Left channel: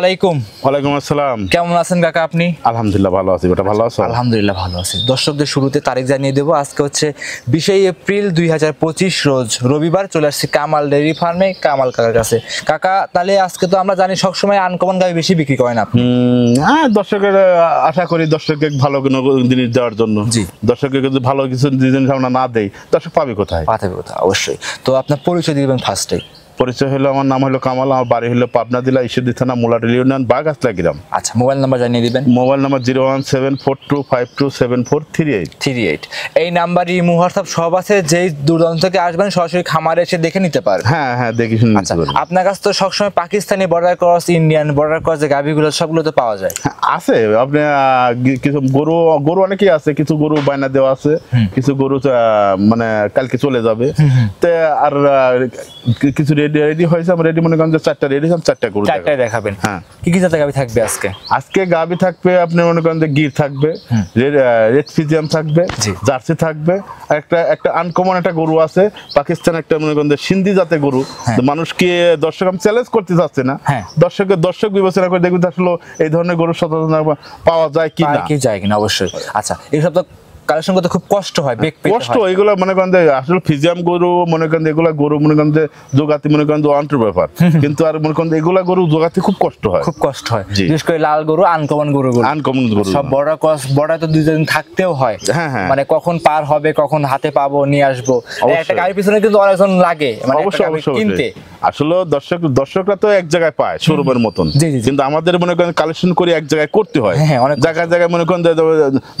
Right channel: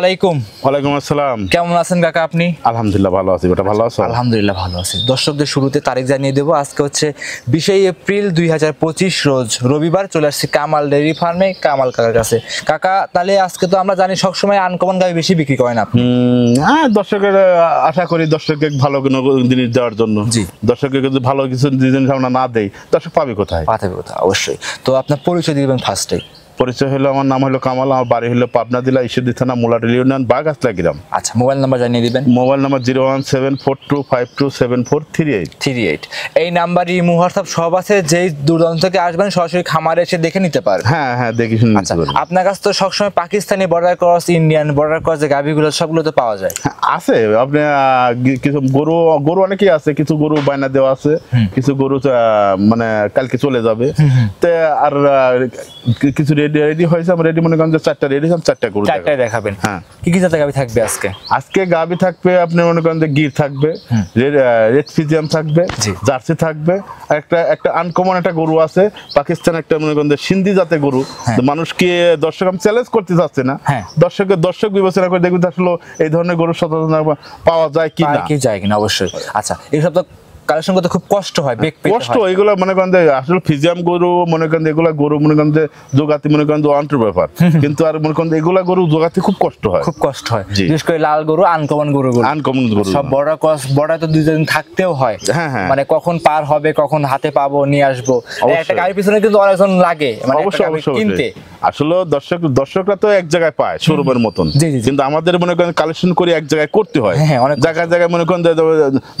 আলাইকুম। ওয়ালাইকুম আসসালাম। কেমন আছেন কাকা আপনি? আলহামদুলিল্লাহ ভালো আছি। বেটা ভালো আছো? আলহামদুলিল্লাহ ভালো আছি। দর্শকদের শুরুতে তারিখ জানিয়ে দেবো। আজকে হচ্ছে 20 এপ্রিল 2025 রোজ রবিবার। চলে আসছি কামাল ডেইরি ফার্মে কামাল কাকার কাছে। কাকা তাহলে আজকে তো আমরা জানি সবসময় আনকমন গাভী বেশি বিক্রি করেন আপনি। হ্যাঁ, দর্শকের আশা করি দর্শককে ভালো কোনো জিনিস দেওয়ার জন্য। জি, দর্শককে যদি ভালো কিছু জিনিস আমরা না দেই দর্শক পাবে কোথায়? পাঠাবে কোথায়? অবশ্যই। তো আপনার পরিচয় দিবেন ফার্স্টে। পরিচয় হলো, আমার নাম হলো কামাল, আমার বাড়ি হলো পাবনা জেলা ঈশ্বরদী থানা মোলাডালি ইউনিয়ন বাগাসলা গ্রাম। আচ্ছা, মোবাইল নাম্বার জানিয়ে দিবেন। Mobile number 01742527438। এই নাম্বারই হোয়াটসঅ্যাপ সব আছে। যেই দূরদূরান্ত থেকে আসবেন সরাসরি খামারে এসে দেখে নিতে পারবেন। হ্যাঁ হ্যাঁ, দেখি শুনে নিতে পারবেন। আপনার কাছে তো সবসময় Pakistani border cross, Indian border cross যে গাভীগুলো সবগুলো তো পাওয়া যায়। আছে আপনি কিছু গরু গরু অনেকেই আছে, কিছু গরু বায়না দেওয়া আছে, কিছু গরু মানে কালকে চলে যাবে। তে আর কিছু রেডি হয়েছে, আমরা রেডি মনে করেন যে 4টা রেডি, 4টা গরু দেখাবেন। হ্যাঁ, কি কি জাতের গাভী থাকবে আজকে? আজকে গাভী থাকবে আপনি মনে করেন যে গির থাকবে, রেড ফিজিয়াম থাকবে, জার্সি থাকবে, একটা আনকমন একটা গরু আছে পাকিস্তান, একটা মনে করেন যে সিন্ধি জাতের গরু। মানুষকে দর্শক আমি চ্যালেঞ্জ করতে চাচ্ছি না, দর্শক বিবেচনা করে দেখবেন আসলে এই ধরনের গরু সচরাচর পাওয়া যায় কি না, যায় কিনা। অবশ্যই। আচ্ছা, এইসব তো কালেকশন করতে খুব কষ্ট হয়, কষ্ট। এগুলো মনে করেন যে আসলে ফিজিয়াম গরু মনে করেন এগুলা গরু মনে করেন যে জোগাতে মনে করেন যে অন্ত্র ব্যাপার, কিন্তু আর মনে করেন এগুলা গরু জোগাতে খুব কষ্ট হয়, বিশেষ করে লাল গরু, আনকমন গরু সব বড় ক্রস বড় তো 2 দিন থাকতেও হয়। মানে কখন পার হবে, কখন হাতে পাবো, নিয়ে আসবো। একটা গাড়ির পিছনে কিন্তু অনেকজন লাগে, মানে কিনতে। আসলে দর্শকরা তো এক জায়গায় পায় শোরুমের মতন, কিন্তু আমাদের মনে করেন কালেকশন করে এক জায়গায় করতে হয়, জায়গায় জায়গায় মনে করেন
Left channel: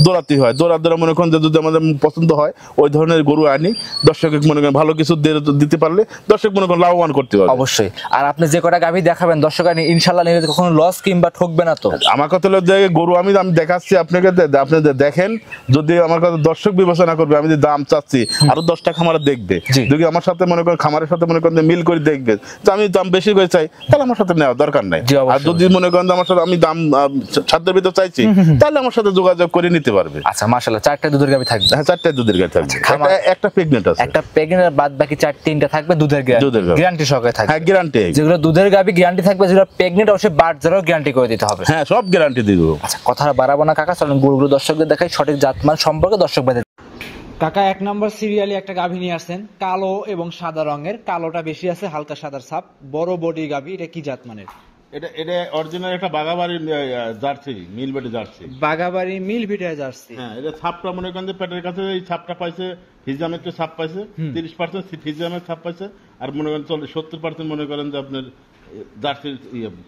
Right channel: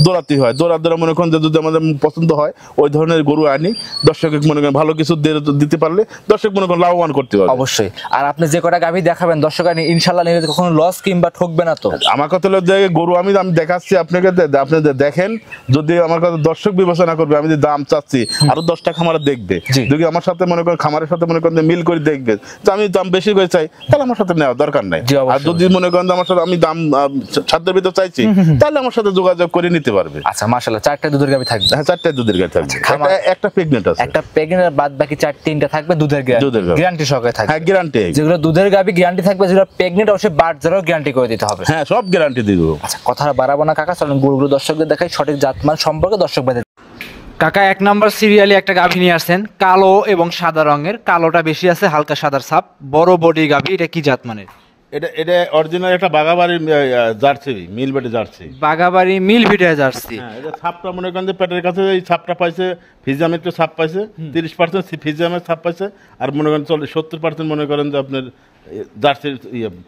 দৌড়াতে হয়, দৌড়া মনে করেন যদি আমাদের পছন্দ হয় ওই ধরনের গরু আনি, দর্শক মনে করেন ভালো কিছু দিতে পারলে দর্শক মনে করেন লাভবান করতে পারবে। অবশ্যই। আর আপনি যে কটা গাভী দেখাবেন দর্শক ইনশাআল্লাহ নিলে কখনো লস কিংবা ঠকবে না তো? আমার কথা হলো যে গরু আমি দেখাচ্ছি আপনাকে, আপনি দেখেন, যদি আমার কথা দর্শক বিবেচনা করবে, আমি যে দাম চাচ্ছি আরো 10টা খামারে দেখবে, যদি আমার সাথে মনে করেন খামারের সাথে মনে করেন মিল করে দেখবে যে আমি দাম বেশি করে চাই, তাহলে আমার সাথে নেওয়ার দরকার নাই। আর যদি মনে করেন আমার সাথে আমি দাম সাধ্যের ভিতর চাইছি, তাহলে আমার সাথে যোগাযোগ করে নিতে পারবে। আচ্ছা, মাশাআল্লাহ। 4টা দুধের গাভী থাকবে? হ্যাঁ, 4টা দুধের গাভী থাকবে। একটা প্রেগন্যান্ট আছে, একটা প্রেগন্যান্ট, বাদ বাকি 3টা থাকবে দুধের গ্যারান্টি সহকারে থাকবে। হ্যাঁ, গ্যারান্টি। যেগুলো দুধের গাভী গ্যারান্টি থাকবে, যেগুলো প্রেগন্যান্ট অবশ্যই বাচ্চারও গ্যারান্টি করে দিতে হবে। হ্যাঁ, সব গ্যারান্টি দিব। আচ্ছা, কথা বাড়াবো না কাকা, চলুন গরুগুলো দর্শকদের দেখাই, সঠিক জাতমান সম্পর্কে দর্শক ভাইদের। কাকা 1 নাম্বার সিরিয়ালে একটা গাভী নিয়ে আসছেন, কালো এবং সাদা রঙের। কালোটা বেশি আছে, হালকা সাদার ছাপ, বড় বডি গাভী। এটা কি জাত মানের? এটা অরিজিনাল একটা Bagabari jersey, মিলবেটে jersey, Bagabari মিলবেটে jersey. হ্যাঁ, এটা ছাপটা মনে করেন যে পেটের কাছে এই ছাপটা পাইছে, ফিজিয়ামের একটু ছাপ পাইছে, 30% ফিজিয়ামের ছাপ পাইছে, আর মনে করেন 70% মনে করেন যে আপনার জার্সির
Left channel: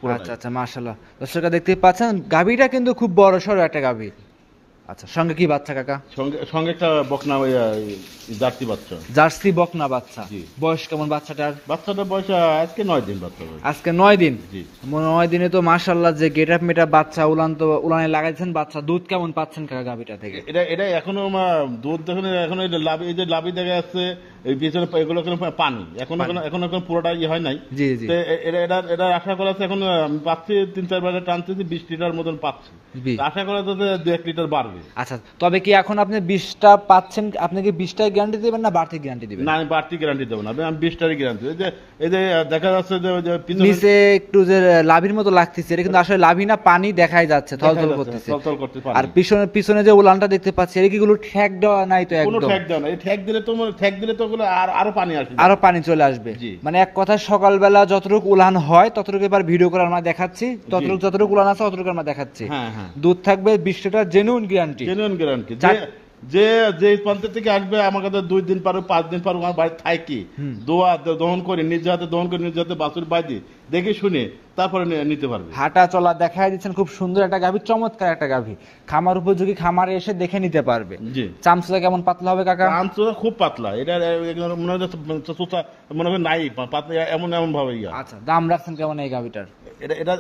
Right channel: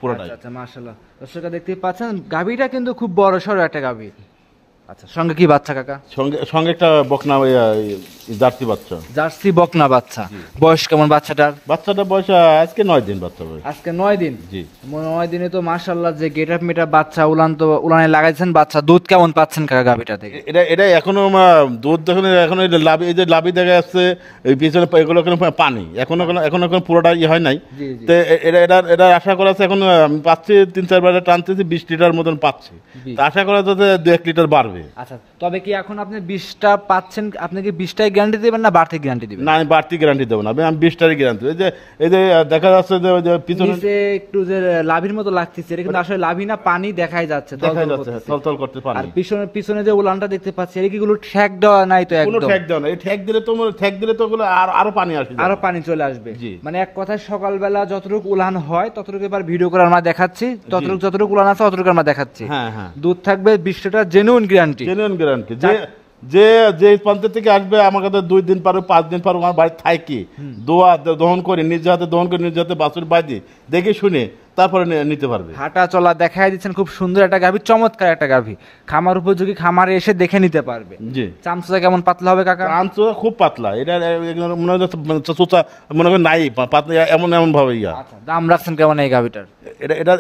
পুরো। আচ্ছা আচ্ছা, মাশাআল্লাহ। দর্শকরা দেখতে পাচ্ছেন গাভীটা কিন্তু খুব বড় সড়ো একটা গাভী। আচ্ছা, সঙ্গে কি বাচ্চা কাকা? সঙ্গে একটা বকনা জার্সি বাচ্চা, জার্সি বকনা বাচ্চা। বয়স কেমন বাচ্চাটার? বাচ্চাটার বয়স আজকে 9 দিন। বাচ্চা আজকে 9 দিন? জি। 9 দিনে তো মাশাআল্লাহ যে গেটআপ মেটা বাচ্চা, উলানে লাগাইছেন বাচ্চা। দুধ কেমন পাচ্ছেন কাকা গাভীটা থেকে? এটা এখনো দুধ দেখুন, এখনো লাভি, এই যে লাভি দেখা যাচ্ছে এই পিছনে, এগুলো পানি এখনো পুরোটা হয় নাই। তো এটা আশা করা আছে, এখন আমি পাচ্ছি 3-4 বার টানতেছি, 20 লিটার মতন পাচ্ছি। আশা করা যাচ্ছে 2-1 লিটার বাড়বে। আচ্ছা, তবে কি এখন আপনি 20টা পাচ্ছেন, আপনি কি 20টাই গ্যারান্টি দিবেন না বাড়তি গ্যারান্টি দিবেন? না, আমি বাড়তি গ্যারান্টি দেব না, আমি 20টারই গ্যারান্টি। এই যে দেখা যাচ্ছে যে নিচে একটু যে লাভির মতো লাগতেছে, এটা কিন্তু আসলে লাভি না, পানি দেখাই যাচ্ছে, থলথল করতেছে। আর পিছনে যে উলানটা দেখতে পাচ্ছি, এটা কি গুলো ঠ্যাক দেওয়া নাই তো? একদম ঠ্যাক দেওয়া নাই। ঠ্যাক দিলে তো ওগুলো আরো পানি আসবে, আরো পানি চলে আসবে। মানে এক কথায় সকালবেলা যতটুকু উলান হয় ততটুকু এবার ভিডিও করে আমরা দেখাচ্ছি, যতটুকু উলান আছে ততটুকু আমরা দেখাচ্ছি। দুধ থাকবে 20 লিটার, জেনুইন গ্যারান্টি। যে প্রান্ত থেকে আসবে আমার কাছে 2 দিন পর 5 দিন পর আমার বাড়ি থাকি, দহন করে নিজ হাতে বাছুর বাজি দেখে শুনে তারপরে নিতে পারবে। হাঁটা চলা দেখাই দিচ্ছেন, খুব সুন্দর একটা গাভী, চমৎকার একটা গাভী, খামার উপযোগী, খামারে এসে দেখে নিতে পারবে। চামচা কেমন পাতলা হবে কাকা? চামচা খুব পাতলা, এটা মনে হয় মনে করেন নাই পাতলা, এমন ভাবে। আচ্ছা, দাম রাখছেন কেমন এই গাভীটার?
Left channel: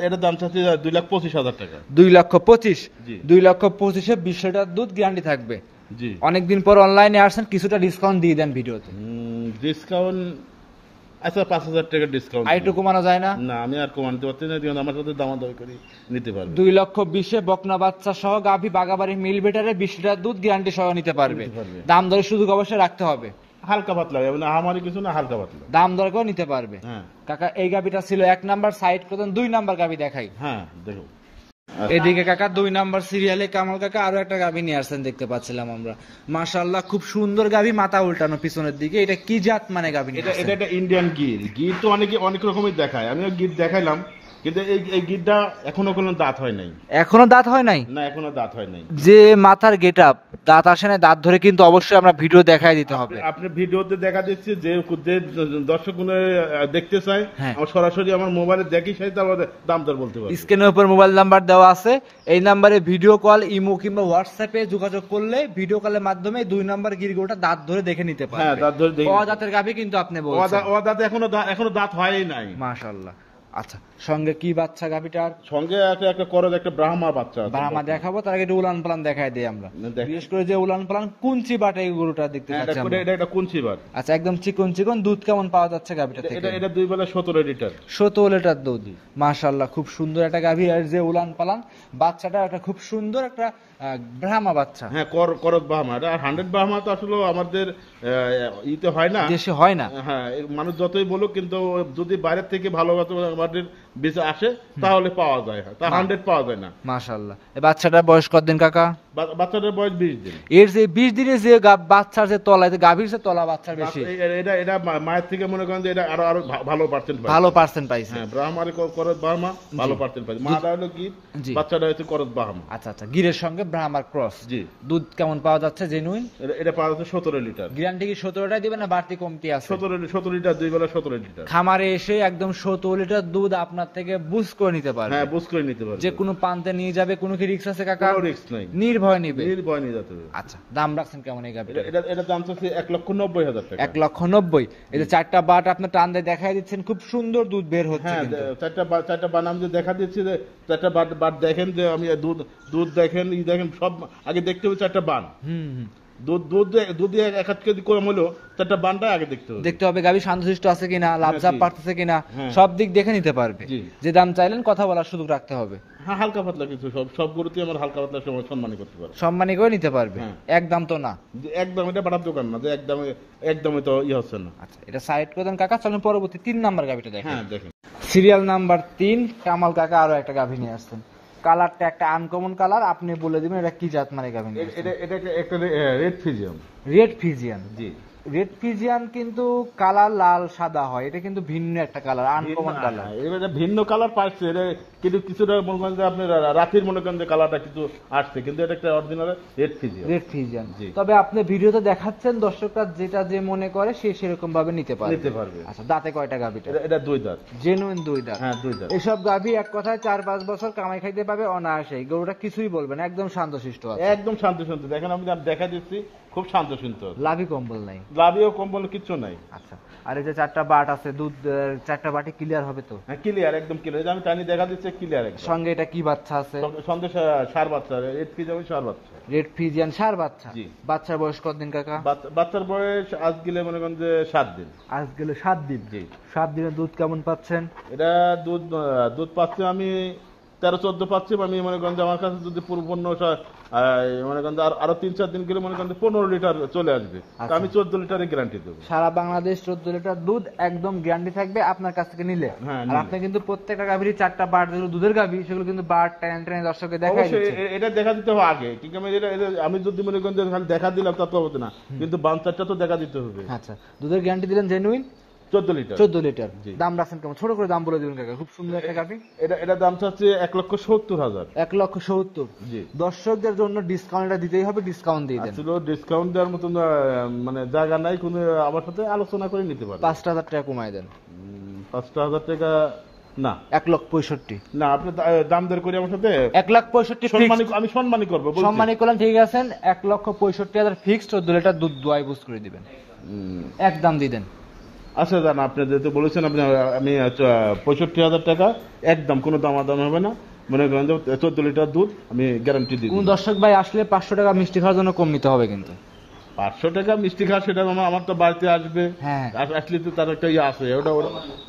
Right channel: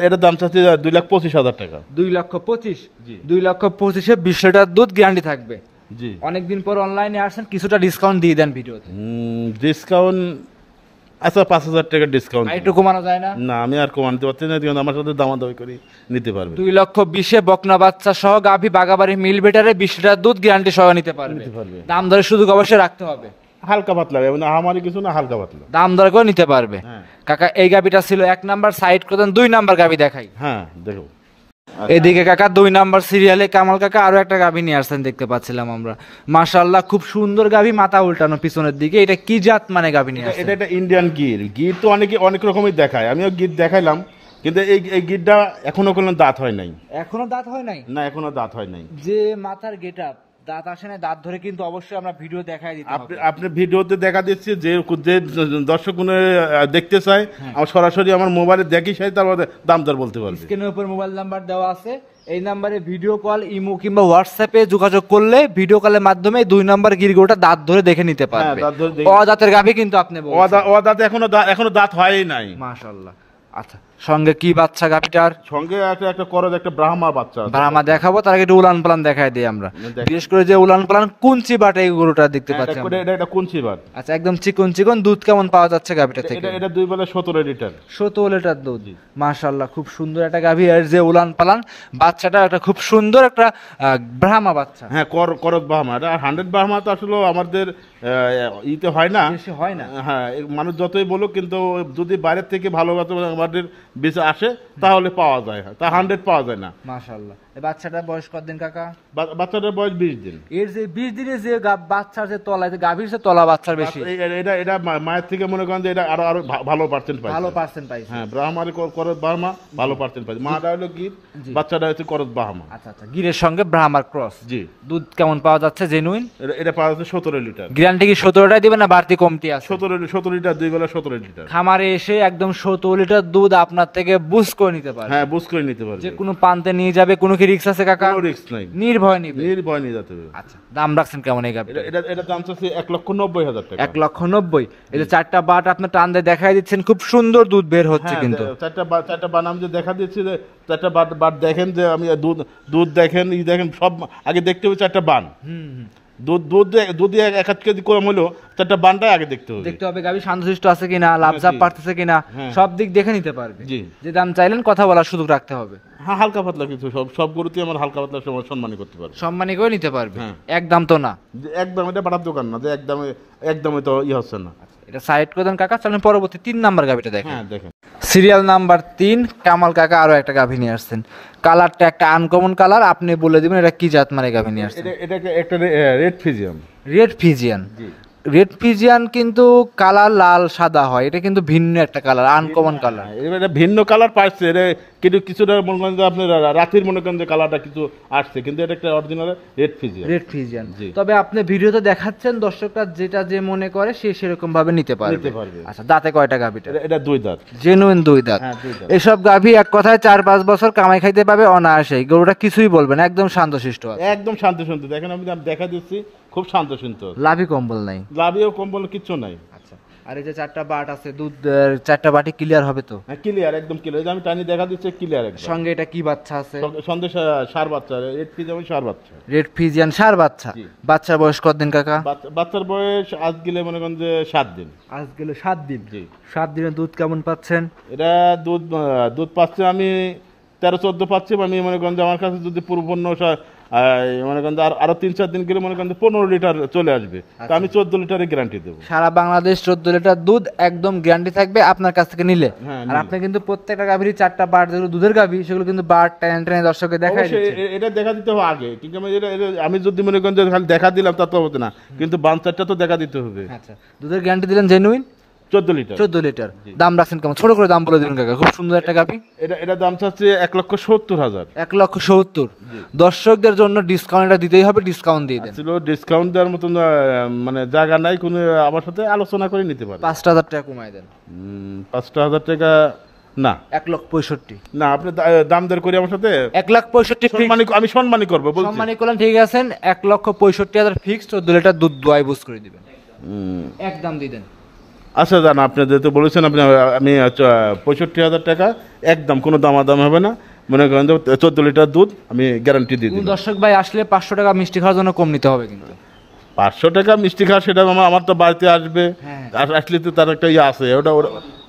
এটা দাম চাচ্ছি 2,25,000 টাকা। 2,25,000? 2,25,000-এ 20 লিটার দুধ গ্যারান্টি থাকবে। অনেকদিন পর অনলাইনে আসছেন, কিছুটা ডিসকাউন্ট দিয়ে দেন ভিডিওতে। ডিসকাউন্ট আচ্ছা, 5,000 টাকা ডিসকাউন্ট একটু কমানো যায় না? না, আমি আর কমাতে পারছি না, আমার সাথে দামাদামি করে নিতে পারবে। 2,20,000-এ বকনা বাচ্চা সহ গাভী, বাগাবাড়ি মিলবেটারে 20 লিটার দুধ গ্যারান্টি সহ নিতে পারবে। দাম ধরে সুযোগ অবশ্যই রাখতে হবে। হালকা পাতলা, মানে আমারই কিছু না, হালকা পাতলা। দাম দর করে নিতে পারবে। কাকা এই গাবিটা ছিল 1 নাম্বার, সাইড করে দেন 2 নাম্বার গাবি দেখাই। হ্যাঁ দেখো। এদিকে কাকা 2 নাম্বার সিরিয়ালে কামাল কাকা আরো একটা গাভী নিয়ে আসছেন দেখতে পাচ্ছিলাম আমরা। মাশাআল্লাহ খুব সুন্দর গাভী, মাথা উল্টানো পিছনের দিকে। এটা কি জাত মানে গাভী নিয়ে আসছেন? এটা ইন্ডিয়ান গির। গির তো অনেক রকমের দেখায়, আমিও গির দেখাইলাম, কিন্তু এই গিরটা এখনো কোনো দাঁত হয় নাই। এখনো দাঁত হয় নাই? না, এখনো দাঁত হয় নাই। যে মাথার গেটআপ, দাঁত আসে না, দাঁত ধরে কিন্তু অবশ্যই আমরা ভিডিও দেখাই দিতে হবে। আপনি ভিডিওতে দেখা দিচ্ছি, যে দর্শক দেখতে চায় আমার সরাসরি আমার মোবাইলে দেখি, সেই তার দাম দর বলতে পারবে। স্ক্রিনের উপর মোবাইল নাম্বার দেওয়া আছে, এই নাম্বারে ভিডিও কল, ইমো কিংবা হোয়াটসঅ্যাপে যোগাযোগ করলে ভিডিও কলের মাধ্যমে 2 নাম্বার গিরগোটা দাঁত ধরে দেখে নিতে পারবে। অদাঁতের গাভী কিন্তু আপনি বলছেন। অদাঁতে এখনো দাঁত হয় নাই। মাশাআল্লাহ। আচ্ছা, সঙ্গে কি বাচ্চা গাভীটার? সঙ্গে একটা করজ, একটা ব্রাহ্মা বাচ্চা। ব্রাহ্মা দেখাবো, তার আগে একটু উলান পালান দেখাই দিই আমরা। বিশেষ করে যে উলান পালান কুঞ্চি বাটে এই গরুটা দেখতে পাচ্ছি আমরা। এটা কুঞ্চি বাট। আচ্ছা, একদম চিকন চিকন। দুধ কেমন পাওয়া যাচ্ছে গাভীটা থেকে? এটা 2 বেলা 17 লিটার। 17 লিটার দুধ। মাশাআল্লাহ খুব সুন্দর একটা গাভী। আর যে উলান পালান বাচ্চাটা একটা খুব সুন্দর একটা ব্রাহ্মা বাচ্চা। হ্যাঁ, করজ ব্রাহ্মা। এটা 100 ব্রাহ্মা তো আসলে আমাদের ইতে হয় না, দেশে হয় না। হ্যাঁ, মানুষ যতই বলুক, কিন্তু যদি বাইরের থেকে ভালো আমাদের বেঁচে আসে তাহলে পাওয়া যায়, তা 100 পাওয়া যায় না। মাশাআল্লাহ। এই বাচ্চাটার বয়স কতদিন কাকা? বাচ্চাটার বয়স 20 দিন। এর যে 20 দিনে যে বাচ্চার যে তলায়, গাভীর যে তলা বাচ্চার বেশি, এটা মায়ের থেকে মনে করেন যে এটা আরো ভালো পার্সেন্ট পায়। ভালো পার্সেন্ট পাইছে। হ্যাঁ, ব্রাহ্মার করজ ব্রাহ্মা ভালো পার্সেন্ট পাইছে। মাটা হলো গির, বাচ্চাটা হচ্ছে করজ ব্রাহ্মা। আচ্ছা আচ্ছা, গিরের সঙ্গে ব্রাহ্মার ক্রস। জি। দুধ কেমন পাওয়া যাচ্ছে জেনুইন? এটা পাওয়া যাচ্ছে 17 লিটার। গ্যারান্টি কি 17টাই দিবেন না বাড়তি কমতি আছে? 17 লিটার, 2 বেলা 17 লিটার। খামারে এসে একদম 17 লিটার দুধ আপনার থেকে বুঝ করে নিতে পারবে। হ্যাঁ, বুঝ করে নিতে পারবে। যে কোনো পান্তে নিয়ে যাবে, কোনো কি রিস্ক আছে কাকা? কোনো রিস্ক নাই, নির্ভয় নিবে। নির্ভয় নিয়ে যেতে হবে। আচ্ছা, দাম রাখছেন কেমন এই গাভীটা? এটা দাম হচ্ছে 1,90,000 টাকা। 1,90,000। এই যে 4টা বাট আপনি টান দিয়ে দেখাই দিচ্ছেন, খুব সুন্দর দুধ বের হচ্ছে কিন্তু। 4টা বানাম যে দেখা দিচ্ছি, যে 4টা বাট দেখেন, যে আমি দুধ দেখেন, দেখেন সব আগে দেখতে হবে 4টা বান। দুধ 1 কেজি কম হলো 4টা বানটা আগে দেখতে হবে। গাভী শান্তশিষ্ট আছে কিনা, লাভজাব পারতেছে কিনা, সব দিক দেখে নিতে পারবে। যে দাম চাইলেন কথা বলার সুযোগ রাখতে হবে। হ্যাঁ, হালকা পাতলা কিছু, সব গরুতে আমার হালকা পাতলা সম্মানী করতে পারবে, সম্মানী করে নিতে পারবে। একদম তো না, একদম এটা বাটার দোকান না যে একদমই তো হচ্ছে না। আচ্ছা, এটা সাইড করে দেন কাকা। চলেন পরবর্তী 3 নাম্বার গাভীটা দেখেন। হ্যাঁ দেখেন, সিরিয়াল নাম্বার 3 কামাল কাকা আরো একটা গাভী নিয়ে আসছেন। কালারটা একটা আনকমন কালার, আপনি বলে দিবেন এটা কি জাত মানে গাভী নিয়ে আসছেন? এটা একটা রেড ফিজিয়াম। রেড ফিজিয়ান। জি, রেড ফিজিয়ান কিন্তু কালার লাল সাদা হয়, এটা কিন্তু ভিন্ন একটা কালার, আনকমন কালার। এটা ভিন্ন কালার পাইছে, কিন্তু কিছুটা মনে করেন যে আপনার রাতের মনে করেন যে কালারটা কিছু আসছে, কিন্তু এটা একটা original red Friesian. Red Friesian. তবে আপনি ভিডিওতে দেখাচ্ছেন, দর্শকরা যেটা যে মনে করে সে সেরকম ভাবে নিতে পারবে। আচ্ছা, দাঁতে কয়টা গাভীটা? এটা 2 দাঁত। জেনুইন 2 দাঁত। হ্যাঁ, 2 দাঁত। এসব গাভী এক কথায় 4-5 বছর কামাই খাইতে পাবে অনায়াসেই। গরুটা কিছুই বলবে না, একদম শান্তশিষ্ট আছে। একদম শান্তশিষ্ট। দেখেন, আমি দেখা দিচ্ছি, খুব শান্তশিষ্ট। লাভি কম্বল নাই? লাভিও কম্বল কিছু নাই। আচ্ছা, আর এই যে 4টা বাট আছে, দুধ 4টা বাটি ক্লিয়ার হবে তো? হ্যাঁ, ক্লিয়ার, একদম ক্লিয়ার। আমি টানি দেখা দিচ্ছি, ক্লিয়ার একদম। সঙ্গে এটা কি বাচ্চা আছে? সঙ্গে সার বাচ্চা, রেড ফিজিয়াম সার বাচ্চা। রেড ফিজিয়ান সার বাচ্চা। বাচ্চার বয়স কতদিন কাকা? বাচ্চার বয়স আজ গেলে মনে করেন যে 7 দিন। আজ গেলে 7 দিন। জি। 7 দিনের দুধ কেমন পাচ্ছেন? এটা দুধ পাচ্ছে আমি 13-14 পাচ্ছি। আমি মনে করেন যে আমার কাছে যদি পূর্বপন্ন মনে করেন আরো 3-4 দিন গেলে মনে করেন 15 লিটার চলে আসবে, তা আমি 14 লিটারের গ্যারান্টি দেবো। সারা বাংলাদেশ 14 লিটার দুধ একদম গ্যারান্টি থাকবে আপনার কাছ থেকে নিলে। আর আপনি কিন্তু প্রত্যেকটা গাভীরই 4টা বাট, যেগুলো দুধের গাভী, সেগুলো কিন্তু বাট টেনে দর্শককে দেখাই দিচ্ছেন। এটা দেখা দিতে হবে আগে, ঠিক আছে? আমি যদি মনে করেন যে খালি দেখা দিলাম তা তো হবে না, কিন্তু বাচ্চাটা তো দেখা দিতে হবে। আচ্ছা, দুধের গ্যারান্টি দিলেন জেনুইন? 14 লিটার। 14 লিটার। দাম রাখছেন কেমন? ছোট করে দাম বলে দিবেন কাকা, খুব সুন্দর একটা গাভী। এটা দাম চাচ্ছে 1,70,000। 1,70,000। দর্শকদের জন্য ডিসকাউন্টটা দিতেই হবে, ডিসকাউন্ট দিয়ে দেন। আসলে ডিসকাউন্ট দেওয়ার মতন মানে জায়গা নাই, কোনো আমার সাথে আলোচনা করে নিতে পারবেন। 5,000 টাকা কমায় দেন। 5,000 টাকা না, 1,65,000। না, আপনি দাম দর করে আমার সাথে 1,65,000 আমি সম্মানী করবো, সম্মানী করলাম, ঠিক আছেন। 1,65,000 ফিক্সড, 14 লিটার দুধ দোয়াই বুঝ করে দিবেন, একদম দিয়ে দেন। আচ্ছা, জান, আপনি যেহেতু বলেছেন, আমি 65,000 টাকা একদম, কোনো দামাদাম হবে না। মনে করেন 14 লিটার দুধ আমি গ্যারান্টি দিই। দর্শক ভাই আসলে 500 টাকা মিষ্টি খাওয়ার জন্য কম নিতে হবে কিন্তু। 500 টাকা মিষ্টি খাওয়া, সেটা আমার তো বাড়িতে আসবে, আসলে তো তার একটা ইয়ে আছে,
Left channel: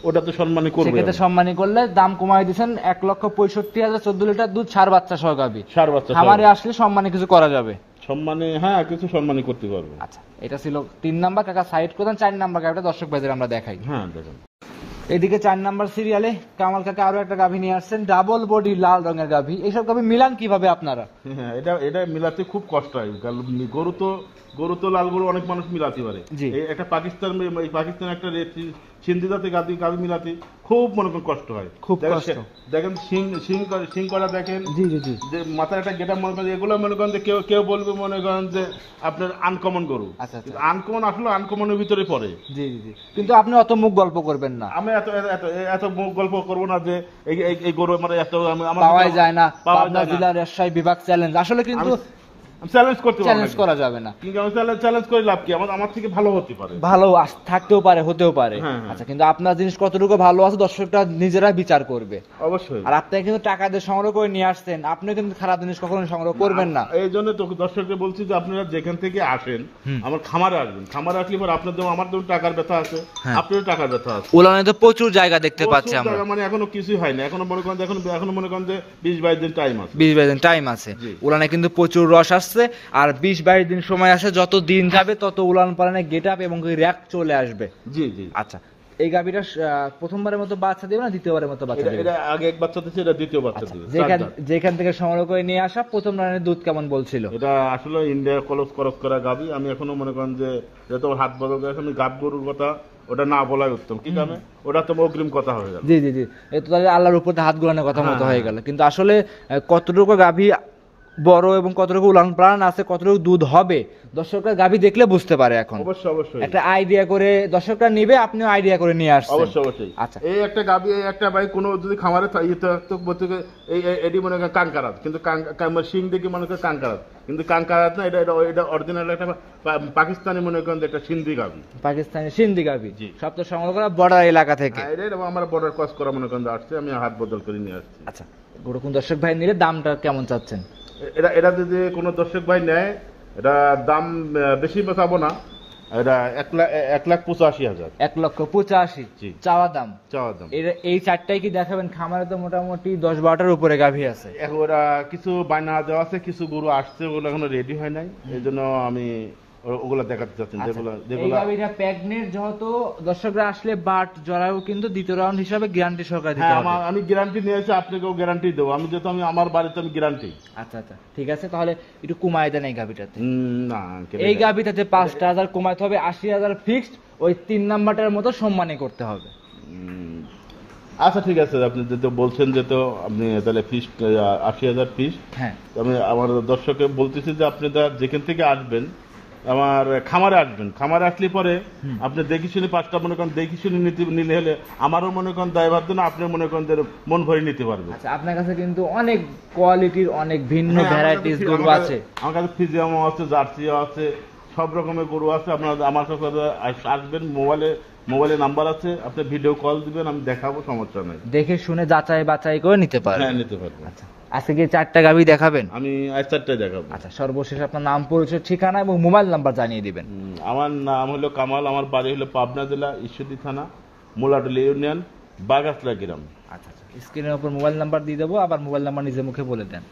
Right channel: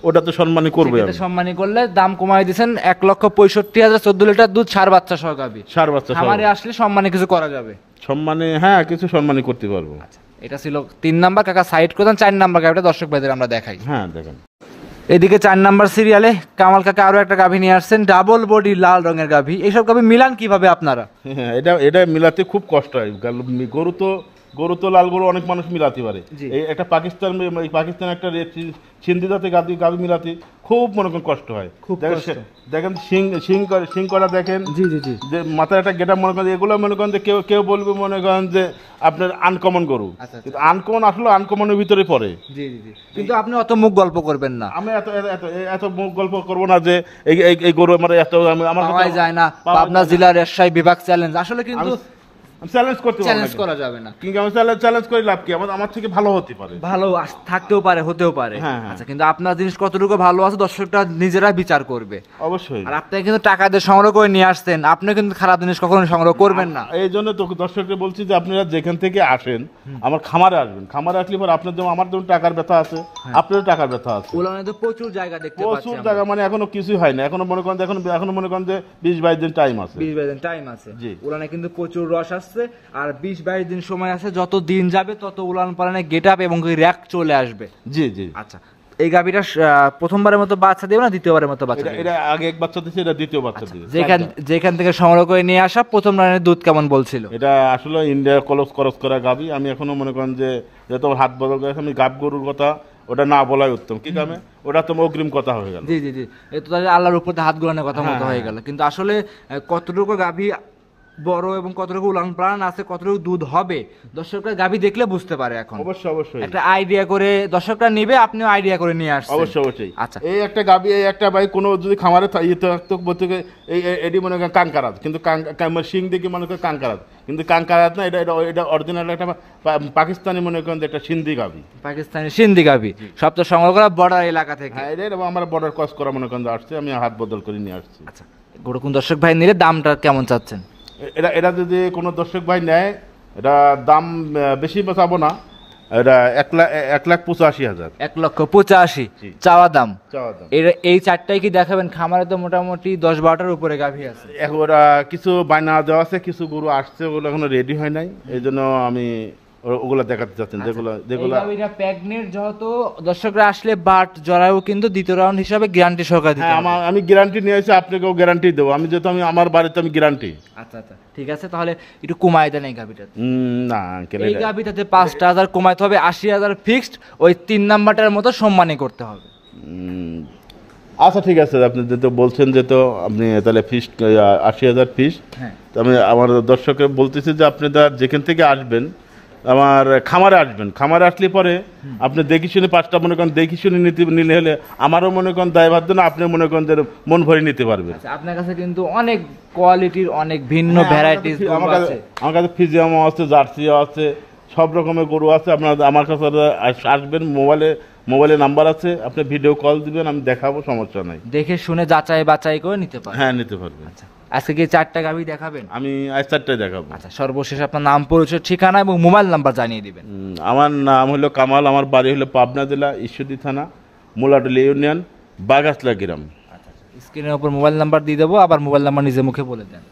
ওটা তো সম্মানী করবে। সম্মানী করলে দাম কমাই দিচ্ছেন। 1,65,000 14 লিটার দুধ, সার বাচ্চা সহ গাভী। সার বাচ্চা আমারে আসলে সম্মানী কিছু করা যাবে? সম্মানী, হ্যাঁ, কিছু সম্মানী করতে পারবো। আচ্ছা, এটা ছিল 3 নাম্বার। কাকা সাইড করে দেন, 4 নাম্বার গাভিটা দর্শক ভাইদের আমরা দেখাই। হ্যাঁ দেখেন, এদিকে 4 নাম্বার সিরিয়ালে কামাল কাকা আরো একটা গাভী নিয়ে আসছেন, ডাবল বডি লাল রঙের গাভী। এইসব গাভী মিলান কিভাবে আপনারা? হ্যাঁ এটা মিলাতে খুব কষ্ট হয়। গরু তো লাল গরু অনেক মানুষ মিলাতে পারে, এই একটা পাকিস্তান একটা সিন্ধি জাতের গাভী মিলাতে খুব মনে করেন কষ্ট হয়, খুব কষ্ট। দেখেন সিং করা দেখেন, জি জি জি, যে মাথায় একটা গেটা মনে করেন, এগুলো মনে করেন যে কেউ বলবে মনে করেন যে আপনার আনকমন গরু, আনকমন আসলে আনকমনের ভিতরে পড়ে। জি জি জি, কিন্তু আপনি অত মুখ গল্প করবেন না। আমি এত মুখ গল্প করবো না যে এই গরু আমার এত আমার পাওয়া যায় না। পাবনা জেলার রাজশাহী বিভাগ চ্যালেঞ্জ আসলে কিন্তু চ্যালেঞ্জ করা যাবে না, কিন্তু আমি চ্যালেঞ্জ করে লাভ কি? আমার থেকে ভালো হতে পারে, ভালো থাকতেও পারে, হতেও পারে। আচ্ছা, কিন্তু আপনার জিনিস কতটুকু ভালো আছে দর্শকরা নিজেরা বিচার করবে অবশ্যই। আর আপনি কিন্তু টাকা দিয়ে সংগ্রহ করে নিয়ে আসছেন, আপনি কিন্তু খারাপ জিনিস কখনো সংগ্রহ করবেন না। এই জন্য তো দর্শককে বলছি যে আপনারা যেখান থেকে আসেন আমার খামারে আসবেন, খামারে আসলে পরে আপনার যেমন আমার যেমন টাকার ব্যথা আছে, আপনারও টাকার ব্যথা আছে। উলানে তো প্রচুর জায়গা দেখতে পাচ্ছি আমরা, জায়গা মানে এখনো কিছুই হয় না, এখনো মনে করেন যে 20-22 দিন টাইম আছে, 20-22 দিন টাইম আছে। উলানে কিন্তু প্রচুর রস আসছে, আর 20-22 দিন সময় আছে। যত দিন যাবে তত উলান পালানে গেট আপ এবং র‍্যাক চলে আসবে। জি জি। আচ্ছা, এই গাভীটা প্রথমবারের মতো বাচ্চা দেবে না দ্বিতীয়বারের মতো বাচ্চা দেবে? এটা আগে এক বাচ্চা দিয়েছে, এটা দ্বিতীয় বাচ্চা দিবে। যেখান থেকে সংগ্রহ করে নিয়ে আসা প্রথম রানের দুধ কেমন বলছিল? এটা আসলে ইন্ডিয়া ক্রস করা গাভী। আমি এখনো মনে করেন যে তোমার হাত বদল করে আমি গাব গরুর কথা ওটা না বলাই উত্তম, কি কারণে ওটা তো অগ্রিম কথা হয়ে গেল। জি জি জি, এই তো তাহলে আল্লাহর উপর হাত গুলানোর কথা মতো হয়ে গেল। কিন্তু আসলে কতটুকু গাভী বড় এবং কতটুকু উলান পালান আছে, কতটুকু দুধ হবে দর্শকরা গাভী দেখলে বুঝতে পারে। এখন অবশ্যই একটা আইডিয়া করে দর্শকরা নিবে, আপনিও আইডিয়া করে নিয়ে আসছেন। অবশ্যই। আচ্ছা, এই একটা গাভী, এই একটা ভাই কোনো যদি খামারে বলতে এটি মনে করেন কাঙ্কারাত, কিন্তু সিং দেখি মনে করেন কাঙ্কারাত, কিন্তু কাঙ্কারাত না, এটা অরিজিনাল একটা পাকিস্তানি মনে করেন একটা সিন্ধি গাভী, পাকিস্তানি সিন্ধি গাভী, সব তো সংগ্রহ করা বর্ডার এলাকা থেকে। আমার বর্ডার ক্রস করা মনে করেন আসছে, আমি হাত বদল করে নিয়ে আসছি। আচ্ছা, গরু কোন দর্শক ভাই নিলে দামটা কেমন চাচ্ছেন? এটা যদি কোনো দর্শক ভাই নেয়, এটা দাম বেশি চাবো না, এটা 1,85,000। 1,85,000 চাওয়া দাম। এই চারটাই কি দেখাবেন? খামারে তো মোটামুটি 10-12টার উপরে গাভী আছে। ওরা কিছু বায়না দেওয়া আছে, কিছু গরু আসছে, ওগুলো এখনো রেডি হয় নাই, এই জন্য আমি ওগুলা দেখাতে চাচ্ছেন। যেগুলো প্রেগনেন্ট, যেহেতু দর্শকরা আসলে বাট জরায়ু কিন্তু দ্বিতীয় রাউন্ড হিসাবে গ্যারান্টি সহকারে দিতে হবে। আমি গ্যারান্টি নিয়েছি, আপনাকেও গ্যারান্টি দেবো, আমি যেহেতু আমার বাড়িতে আমি গ্যারান্টি। আচ্ছা আচ্ছা, ঠিক আছে, তাহলে একটু কমাই দেন এই গাভিটাতে। না, এই গাভিটাতে 5,000 কমাইতে হবে, 80,000 ফিক্সড। ওই 3 নাম্বারটার মতো সম্মানই করতে হবে। আচ্ছা ঠিক আছে, আপনি যেহেতু বলছেন যে তো আপনি তাহলে ফিক্সড 80,000 ফিক্সড। হ্যাঁ, আমি আমার দর্শককে বলতেছি যে আপনি যেখান থেকে আসবেন আমার খামারে আসবেন, খামারে আসলে পরে আপনি দেখি শুনে 5টা মনে করেন দেখি শুনে নিলে হলে আমারও মনে করেন দায়ভার না, আপনি মনে করেন যে মন ভরে নিতে পারবেন। আচ্ছা, আপনার কাছে কিন্তু অনেক কোয়ালিটির অনেক ভিন্ন ভ্যারাইটিস গরু আছে। আমার কাছে ফ্রিজিয়ামও আছে, জার্সিও আছে, সব রকমের গরু আছে। আপনার আমার কাছে আসবেন, মোবাইলে নাম্বার আছে, আপনি ভিডিও কল দিবেন, আমি দেখাবো, সমস্যা নাই। দেখে শুনে যাচাই বাছাই করে নিতে পারবেন। হ্যাঁ, নিতে পারবেন। আচ্ছা, আজকে কি 4টা গাভী দেখাবেন? আমি আজ 4টাই দেখাবো। আচ্ছা, সর্বশেষ আপনার নাম, পরিচয়, ঠিকানা এবং মোবাইল নাম্বার জানিয়ে দিবেন। আমার নাম হলো কামাল, আমার বাড়ি হলো পাবনা জেলা ঈশ্বরদী থানা, মোলাডলি ইউনিয়ন, বাগাসলা গ্রাম। স্ক্রিনের উপর মোবাইল নাম্বার দিয়ে দেবো, আবার মোবাইল নাম্বার নিজে মুখে বলে দেন।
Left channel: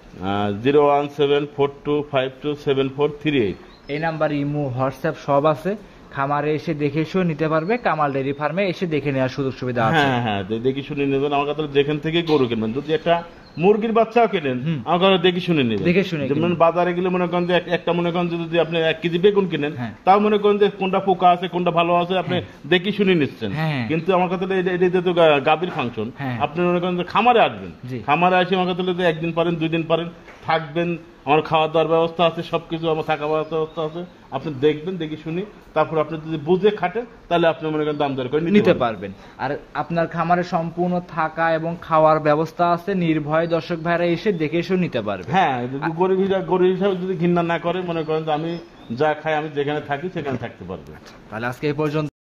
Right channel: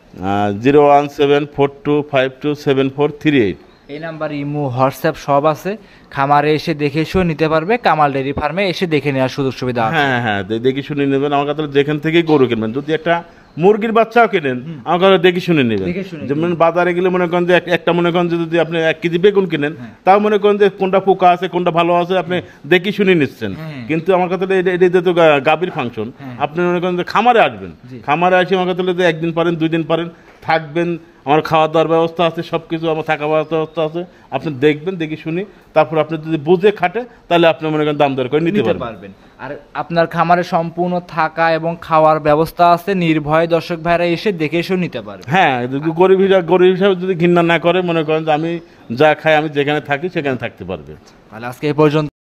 01742527438। এই নাম্বার ইমো, হোয়াটসঅ্যাপ সব আছে। খামারে এসে দেখে শুনে নিতে পারবে, কামাল ডেইরি ফার্মে এসে দেখে নেওয়ার সুযোগ সুবিধা আছে। হ্যাঁ হ্যাঁ, দেখে শুনে নেবেন। আমার কাছে যেখান থেকেই গরু কিনবেন, যদি একটা মুরগির বাচ্চাও কেনেন আমার কাছে দেখে শুনে নেবেন। যেমন বাজারে গেলে মনে করেন যে একটা মনে করেন যদি আপনি 1 কেজি বেগুন কিনেন, তাও মনে করেন যে কোনটা পোকা আছে কোনটা ভালো আছে আপনি দেখে শুনে নিচ্ছেন। কিন্তু আমার কাছে এটা তো গাভীর ফাংশন, আপনি মনে করেন যে খামারে আসবেন, খামারে আসে আমার কাছে 1 দিন পারেন 2 দিন পারেন থাকবেন, আমার খাওয়া দাওয়ার ব্যবস্থা আছে, সবকিছু আমার থাকা ব্যবস্থা আছে, আপনি দেখবেন, দেখে শুনি, তারপর আপনি যদি বুঝে খাটে তাহলে আপনি মনে করেন দাম দর করে নিতে পারবেন। আর আপনার খামারে সম্পূর্ণ থাকা এবং খাওয়ার ব্যবস্থা আছে, নির্ভয় দর্শক ভাইরা এসে দেখে শুনে নিতে পারবে। হ্যাঁ, গরিব হিসাবে যদি ঘৃণা না করে, মনে করেন যে আমি যা খাই, আমি যেখানে থাকি সেখানে থাকতে পারবে। তাহলে আজকে এই পর্যন্ত।